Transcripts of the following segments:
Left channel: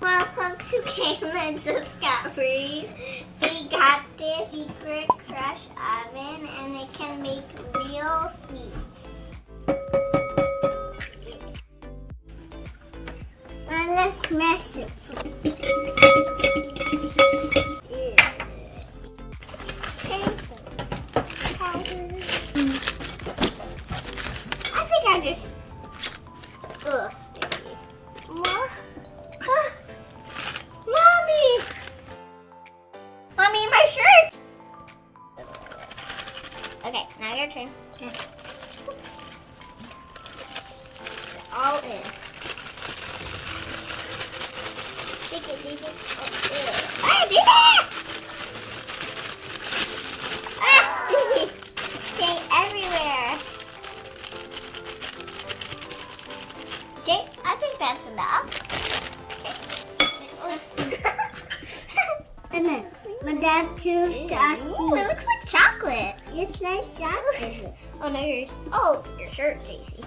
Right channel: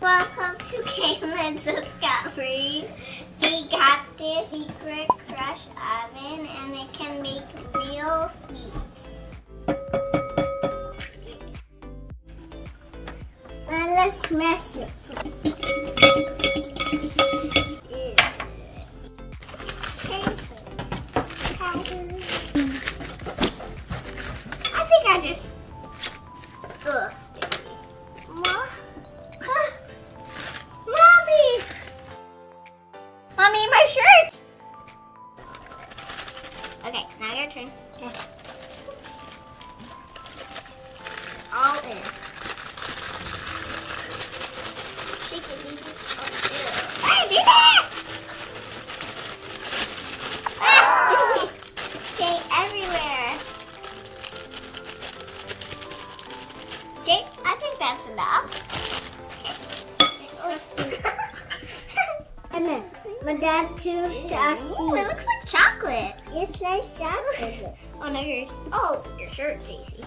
Welcome to Katelyn's Discovery. So we got this secret crush oven and it can make real sweets. Now let's mess it. I think I just... Ugh. Mommy, my shirt! Okay, now your turn. Okay. Oops. All in. Shake it, Daisy. Oh, I did it! Ah, Daisy. Stay everywhere. Okay, I think that's enough. And then, Madame too. Ooh, it looks like chocolate. It's like chocolate. Oh no, yours. Oh, your shirt, Daisy.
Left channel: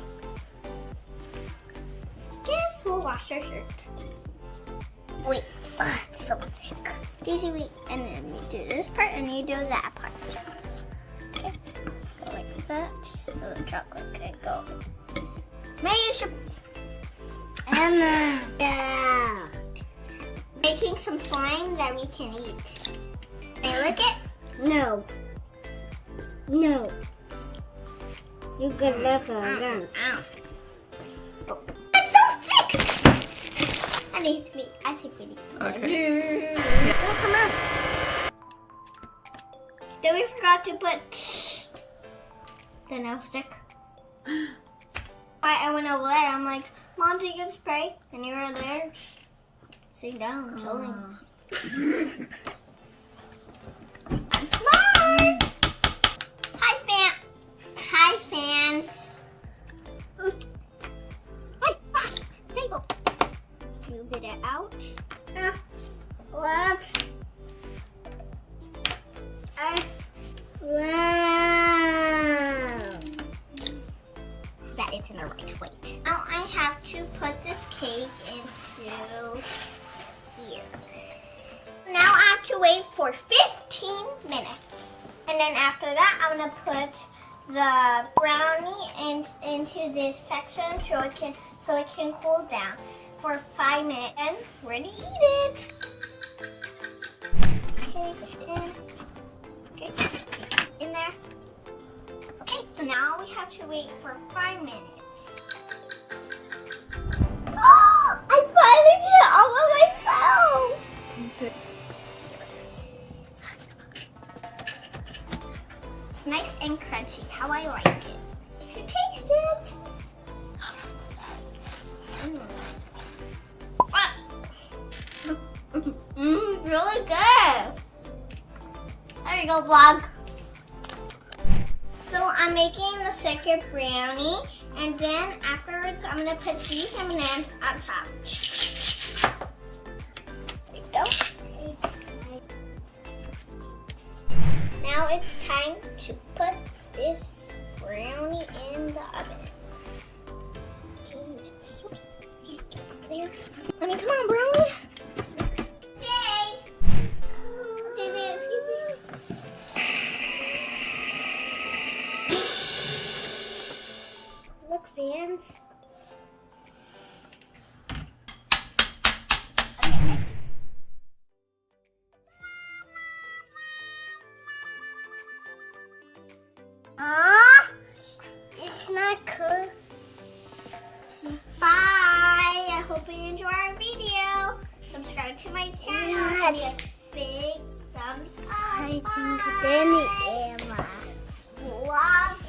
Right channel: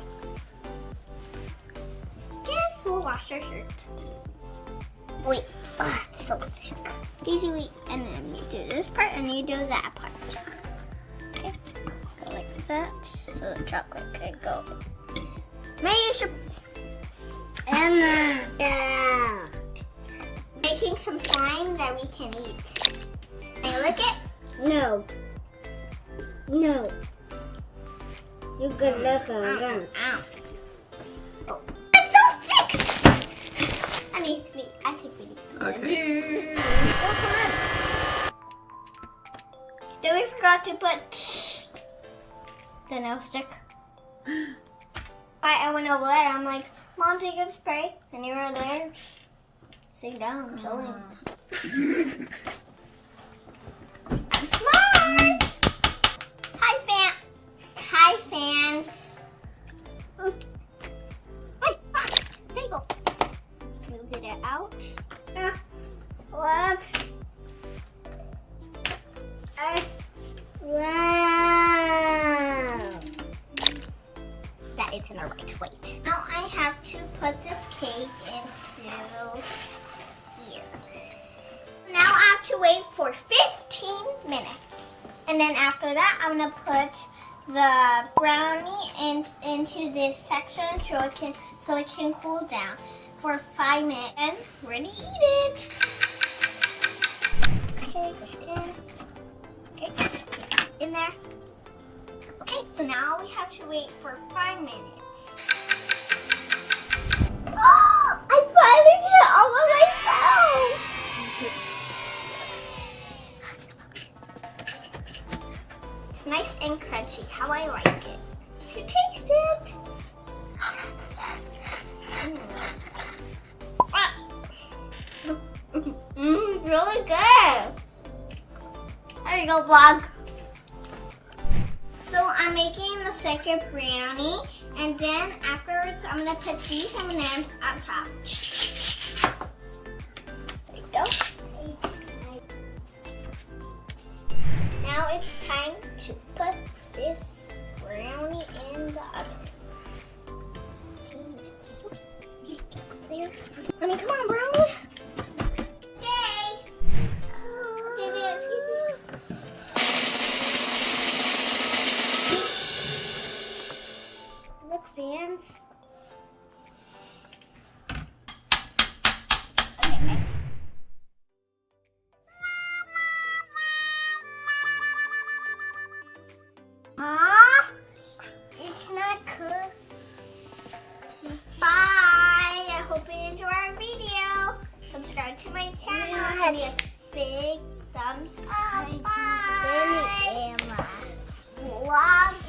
Guess we'll wash our shirt. Wait, it's so thick. Daisy, wait, and then you do this part, and you do that part. Okay, like that, so the chocolate can go. Maybe you should. And yeah. Making some slime that we can eat. Can I lick it? No. No. You can lick it again. Ow. Oh. It's so thick! I think we need to Okay. Oh, come on. Then we forgot to put the nail stick. I went over there. I'm like, Mom, take a spray. And you were there. Sitting down, chilling. I'm smart! Hi, fans. Hi, table. Smooth it out. What? Wow. That it's in the right weight. Now I have to put this cake into here. Now I have to wait for 15 minutes. And then after that, I'm gonna put the brownie into this section so it can cool down for 5 minutes. And we're gonna eat it. Okay, it's in. Okay, it's in there. Okay, so now we have to wait for 5 minutes. Oh, I finally did it all by myself. It's nice and crunchy, how I like it. You taste it. Really good. There you go, vlog. So I'm making the second brownie, and then afterwards I'm gonna put these M&Ms on top. There you go. Now it's time to put this brownie in the oven. 2 minutes. There. Honey, come on, brownie. Look, fans. It's not cool. Bye. I hope you enjoy our video. Subscribe to my channel. Give me a big thumbs up. Bye. Vlog.